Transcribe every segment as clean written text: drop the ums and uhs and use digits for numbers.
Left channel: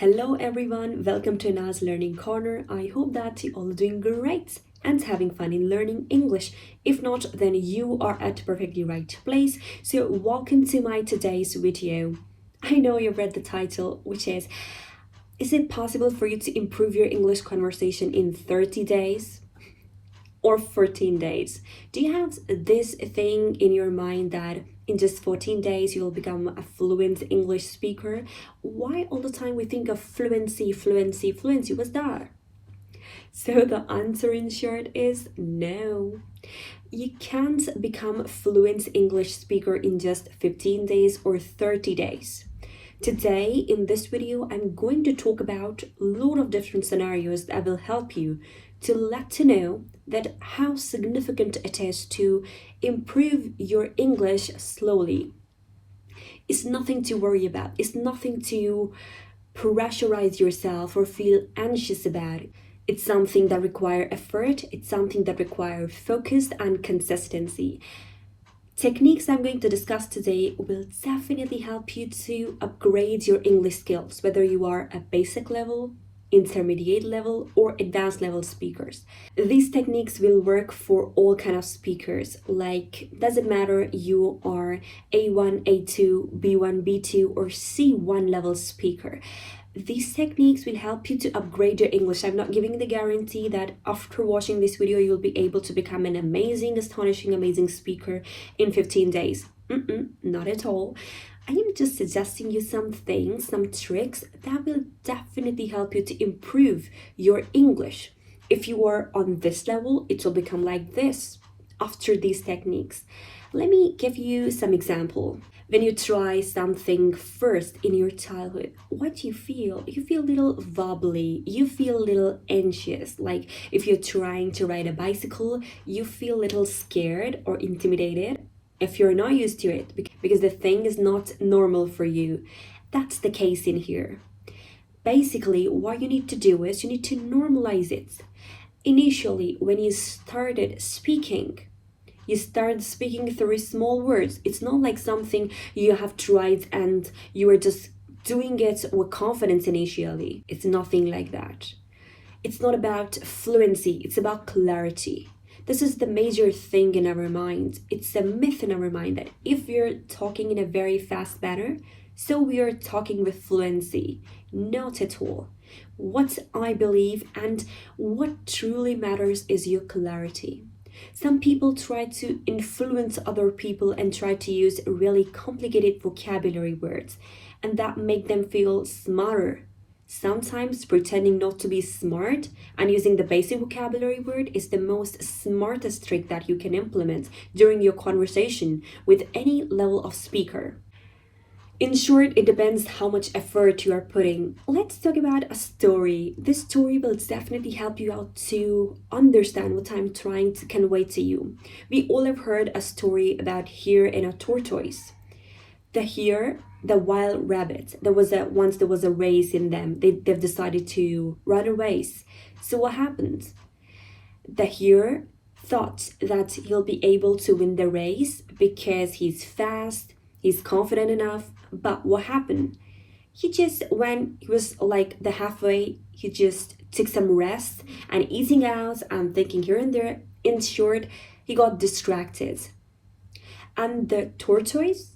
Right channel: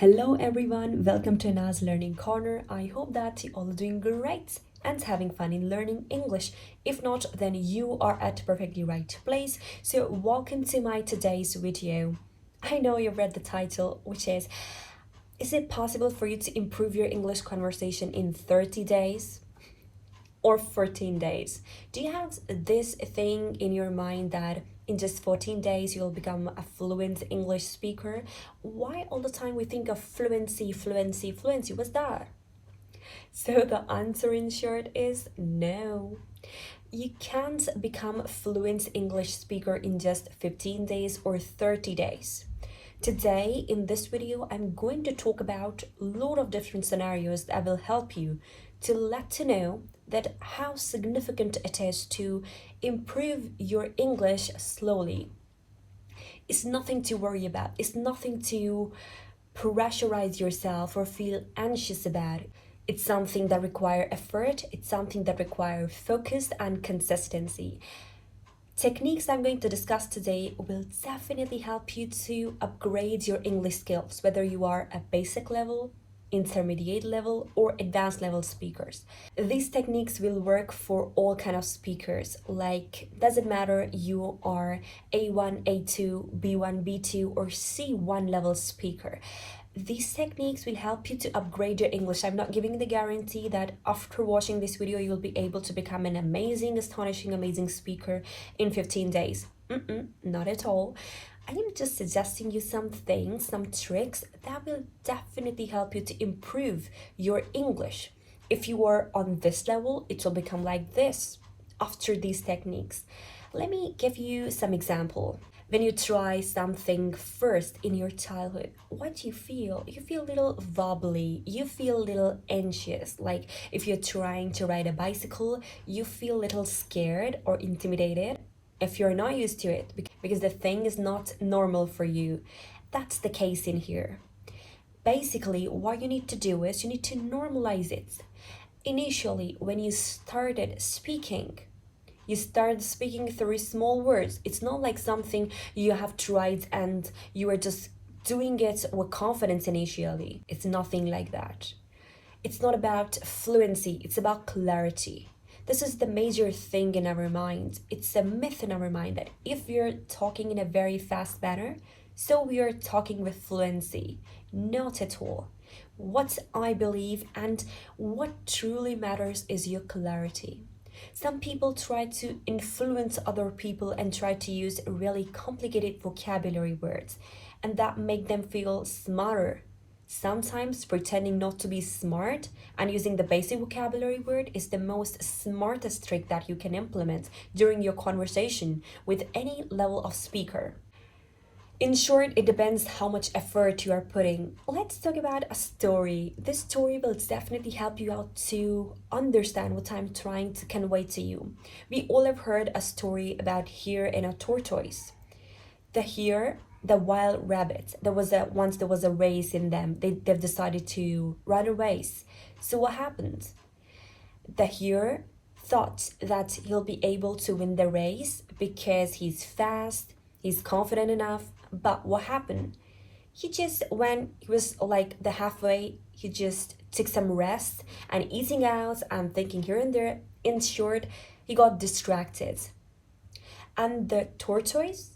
Hello everyone, welcome to Na's Learning Corner. I hope that you all are doing great and having fun in learning English. If not, then you are at perfectly right place. So welcome to my today's video. I know you read the title, which is it possible for you to improve your English conversation in 30 days? Or 14 days? Do you have this thing in your mind that in just 14 days you'll become a fluent English speaker? Why all the time we think of fluency? What's that? So the answer in short is no. You can't become a fluent English speaker in just 15 days or 30 days. Today, in this video, I'm going to talk about a lot of different scenarios that will help you to let you know that how significant it is to improve your English slowly. It's nothing to worry about. It's nothing to pressurize yourself or feel anxious about. It's something that requires effort. It's something that requires focus and consistency. Techniques I'm going to discuss today will definitely help you to upgrade your English skills, whether you are a basic level, intermediate level, or advanced level speakers. These techniques will work for all kind of speakers. Like, doesn't matter you are A1, A2, B1, B2, or C1 level speaker. These techniques will help you to upgrade your English. I'm not giving the guarantee that after watching this video, you'll be able to become an amazing, astonishing, amazing speaker in 15 days. Not at all. I am just suggesting you some things, some tricks that will definitely help you to improve your English. If you are on this level, it will become like this after these techniques. Let me give you some example. When you try something first in your childhood, what do you feel? You feel a little wobbly, you feel a little anxious. Like if you're trying to ride a bicycle, you feel a little scared or intimidated if you're not used to it because the thing is not normal for you. That's the case in here. Basically, what you need to do is you need to normalize it. Initially, when you started speaking, you start speaking through small words. It's not like something you have tried and you are just doing it with confidence initially. It's nothing like that. It's not about fluency, it's about clarity. This is the major thing in our mind. It's a myth in our mind that if we're talking in a very fast manner, so we are talking with fluency. Not at all. What I believe and what truly matters is your clarity. Some people try to influence other people and try to use really complicated vocabulary words, and that make them feel smarter. Sometimes pretending not to be smart and using the basic vocabulary word is the most smartest trick that you can implement during your conversation with any level of speaker. In short, it depends how much effort you are putting. Let's talk about a story. This story will definitely help you out to understand what I'm trying to convey to you. We all have heard a story about hare and a tortoise. The hare, the wild rabbit, once there was a race in them. They've decided to run a race. So what happened? The hare thought that he'll be able to win the race because he's fast, he's confident enough. But what happened? When he was like the halfway, he just took some rest and eating out and thinking here and there. In short, he got distracted. And the tortoise,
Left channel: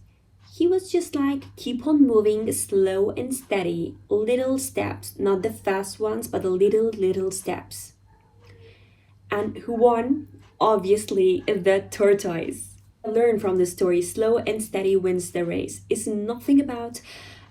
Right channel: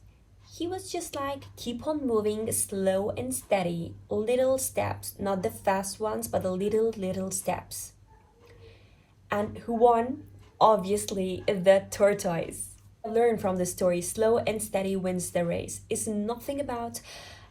he was just like, keep on moving slow and steady, little steps, not the fast ones, but the little steps. And who won? Obviously, the tortoise. Learn from the story, slow and steady wins the race. It's nothing about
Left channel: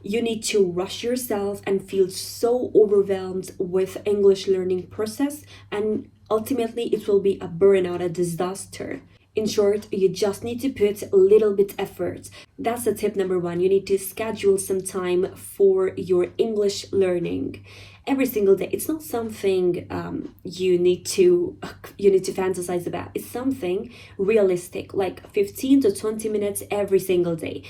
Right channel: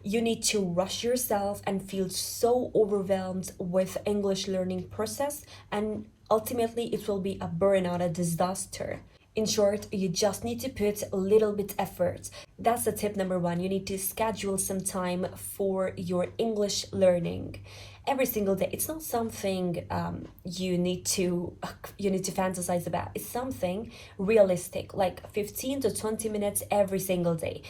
you need to rush yourself and feel so overwhelmed with English learning process, and ultimately it will be a burnout, a disaster. In short, you just need to put a little bit effort. That's the tip number one. You need to schedule some time for your English learning every single day. It's not something you need to fantasize about. It's something realistic, like 15 to 20 minutes every single day.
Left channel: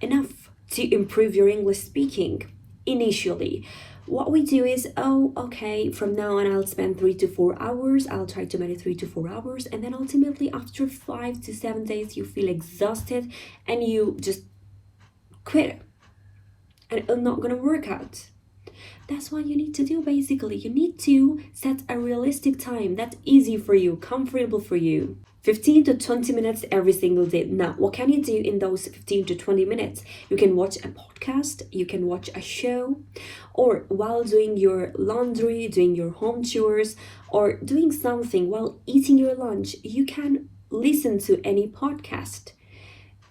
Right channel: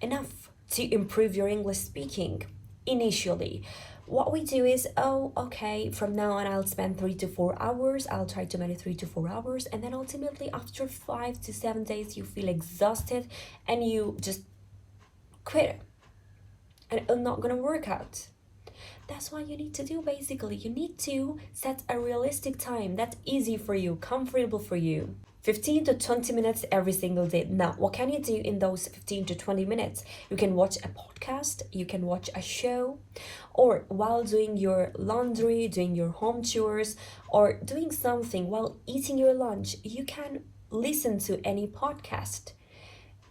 Enough to improve your English speaking initially. What we do is, from now on I'll spend 3 to 4 hours. I'll try to manage 3 to 4 hours, and then ultimately after 5 to 7 days you feel exhausted and you just quit, and it's not gonna work out. That's what you need to do basically. You need to set a realistic time that's easy for you, comfortable for you. 15 to 20 minutes every single day. Now, what can you do in those 15 to 20 minutes? You can watch a podcast, you can watch a show, or while doing your laundry, doing your home chores, or doing something while eating your lunch, you can listen to any podcast.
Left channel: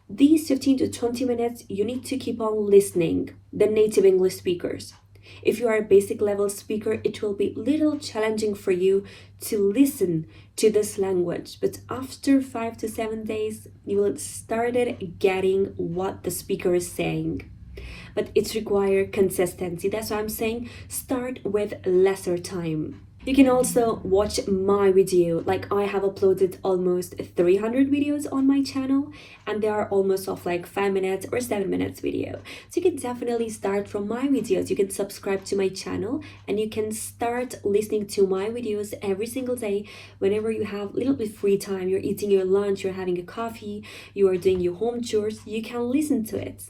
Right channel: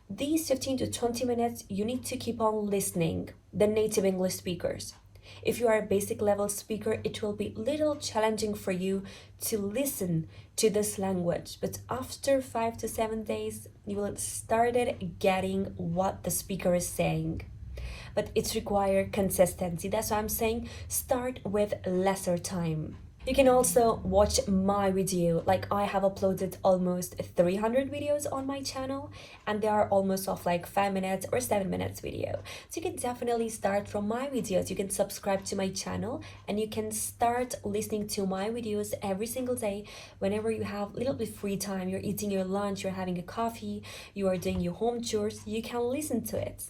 These 15 to 20 minutes, you need to keep on listening the native English speakers. If you are a basic level speaker, it will be little challenging for you to listen to this language. But after 5 to 7 days, you will started getting what the speaker is saying. But it's require consistency. That's why I'm saying start with lesser time. You can also watch my video. Like I have uploaded almost 300 videos on my channel and they are almost of like 5 minutes or 7 minutes video. So you can definitely start from my videos. You can subscribe to my channel and you can start listening to my videos every single day whenever you have a little bit free time. You're eating your lunch, you're having a coffee, you are doing your home chores, you can listen to it.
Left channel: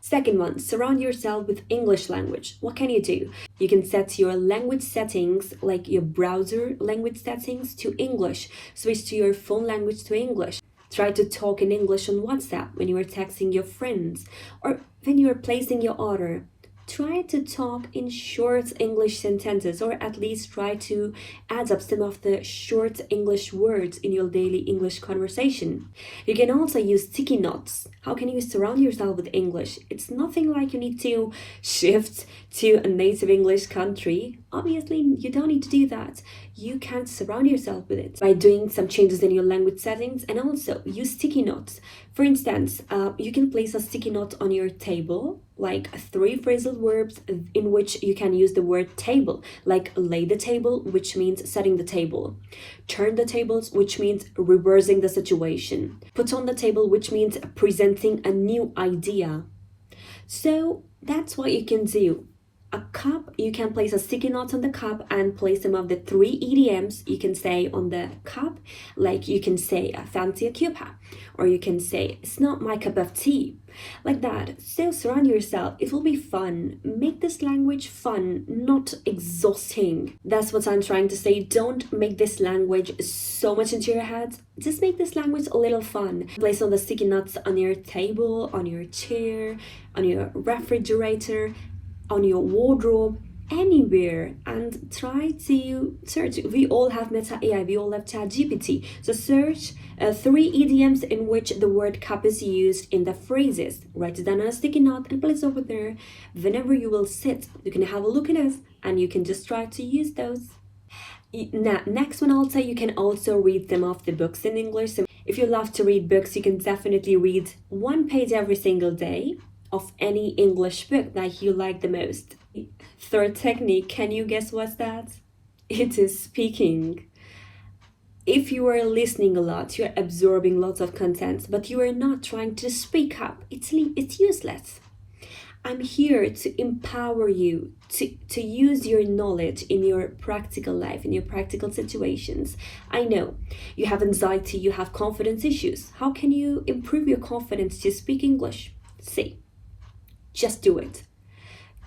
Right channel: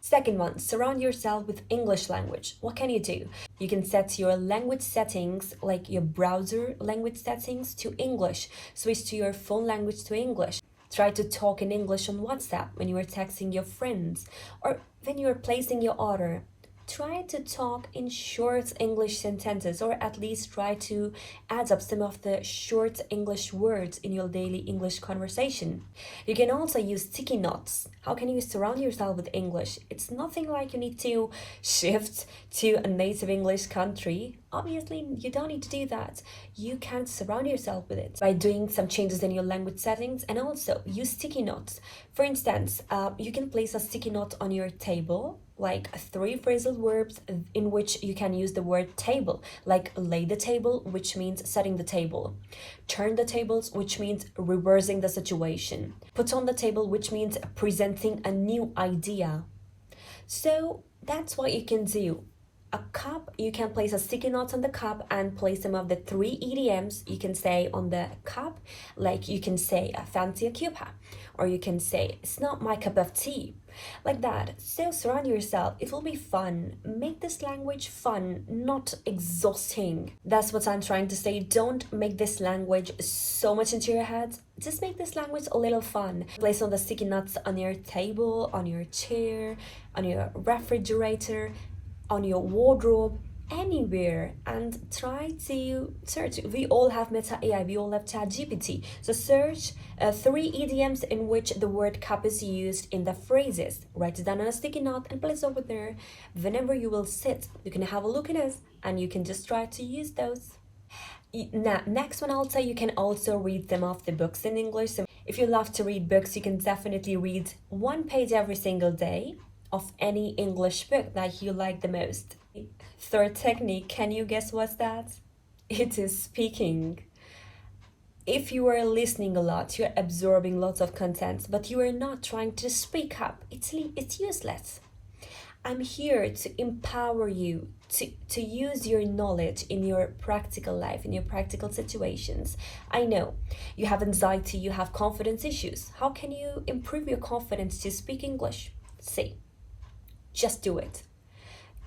Second one, surround yourself with English language. What can you do? You can set your language settings, like your browser language settings, to English. Switch to your phone language to English. Try to talk in English on WhatsApp when you are texting your friends or when you are placing your order. Try to talk in short English sentences, or at least try to add up some of the short English words in your daily English conversation. You can also use sticky notes. How can you surround yourself with English? It's nothing like you need to shift to a native English country. Obviously, you don't need to do that. You can surround yourself with it by doing some changes in your language settings, and also use sticky notes. For instance, you can place a sticky note on your table, like 3 phrasal verbs in which you can use the word table, like lay the table, which means setting the table. Turn the tables, which means reversing the situation. Put on the table, which means presenting a new idea. So that's what you can do. A cup, you can place a sticky note on the cup and place some of the 3 idioms you can say on the cup. Like you can say, I fancy a cuppa, or you can say, it's not my cup of tea, like that. So surround yourself. It will be fun. Make this language fun, not exhausting. That's what I'm trying to say. Don't make this language so much into your head. Just make this language a little fun. Place all the sticky notes on your table, on your chair, on your refrigerator, on your wardrobe, anywhere, and try to search. We all have Meta AI, we all have ChatGPT. So search 3 idioms in which the word cup is used in the phrases. Write it down on a sticky note and place it over there. Whenever you will sit, you can have a look at it and you can just try to use those. Now, next one also, you can also read some of the books in English. So if you love to read books, you can definitely read 1 page every single day of any English book that you like the most. Third technique, can you guess what's that? It is speaking. If you are listening a lot, you're absorbing lots of content, but you are not trying to speak up, it's useless. I'm here to empower you to use your knowledge in your practical life, in your practical situations. I know you have anxiety, you have confidence issues. How can you improve your confidence to speak English? See. Just do it.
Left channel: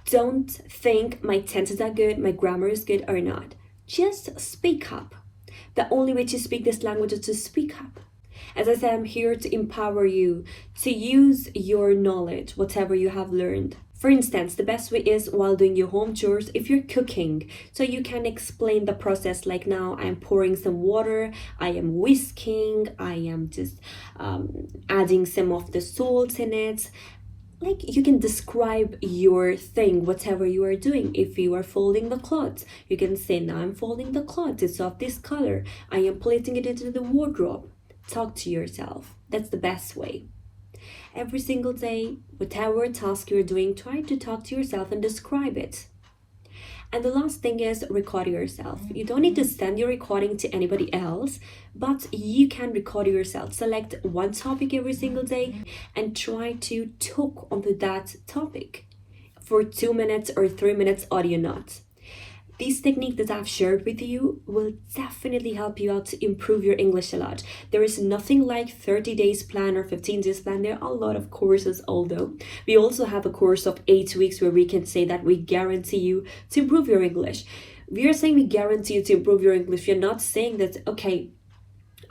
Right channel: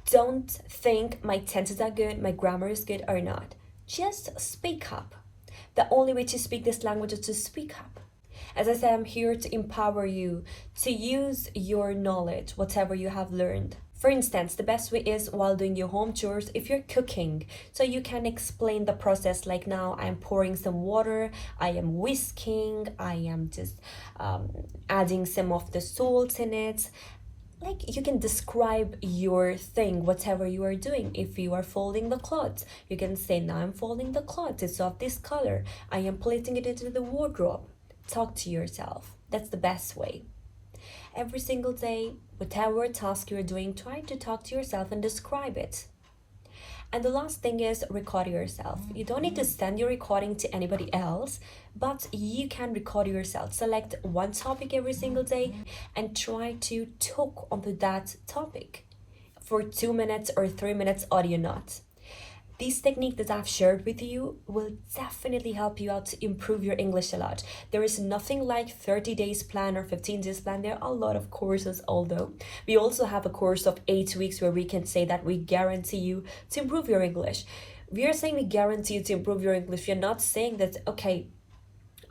Don't think my tenses are good, my grammar is good or not. Just speak up. The only way to speak this language is to speak up. As I said, I'm here to empower you to use your knowledge, whatever you have learned. For instance, the best way is while doing your home chores, if you're cooking. So you can explain the process, like now I'm pouring some water, I am whisking, I am just adding some of the salt in it. Like you can describe your thing, whatever you are doing. If you are folding the clothes, you can say, now I'm folding the clothes, it's of this color, I am placing it into the wardrobe. Talk to yourself. That's the best way. Every single day, whatever task you're doing, try to talk to yourself and describe it. And the last thing is record yourself. You don't need to send your recording to anybody else, but you can record yourself. Select 1 topic every single day and try to talk onto that topic for 2 minutes or 3 minutes audio notes. These techniques that I've shared with you will definitely help you out to improve your English a lot. There is nothing like 30 days plan or 15 days plan. There are a lot of courses, although we also have a course of 8 weeks where we can say that we guarantee you to improve your English. We are saying we guarantee you to improve your English. We're not saying that, okay,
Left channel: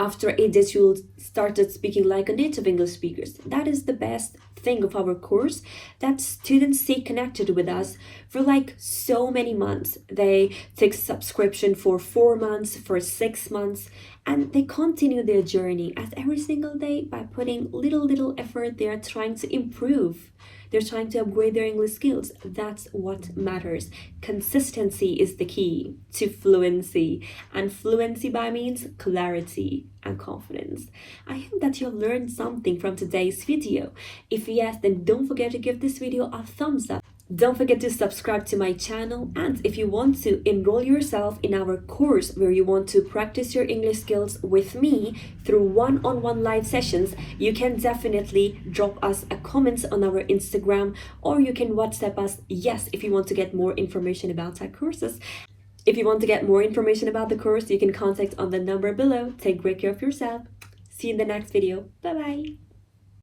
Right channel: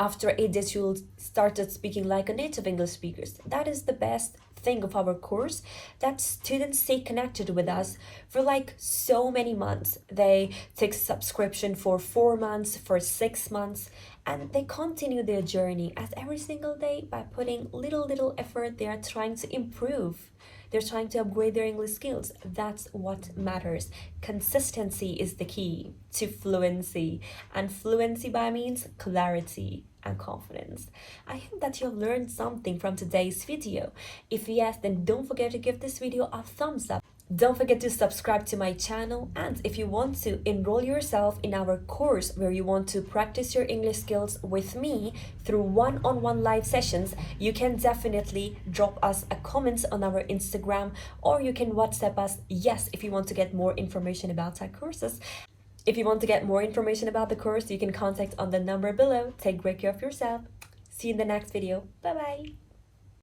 after 8 days you'll started speaking like a native English speaker. That is the best thing of our course, that students stay connected with us for like so many months. They take subscription for 4 months, for 6 months, and they continue their journey as every single day by putting little effort. They are trying to improve, they're trying to upgrade their English skills. That's what matters. Consistency is the key to fluency, and fluency by means clarity and confidence. I hope that you've learned something from today's video. If yes, then don't forget to give this video a thumbs up. Don't forget to subscribe to my channel, and if you want to enroll yourself in our course where you want to practice your English skills with me through one-on-one live sessions, you can definitely drop us a comment on our Instagram, or you can WhatsApp us, yes, if you want to get more information about our courses. If you want to get more information about the course, you can contact on the number below. Take great care of yourself. See you in the next video. Bye bye.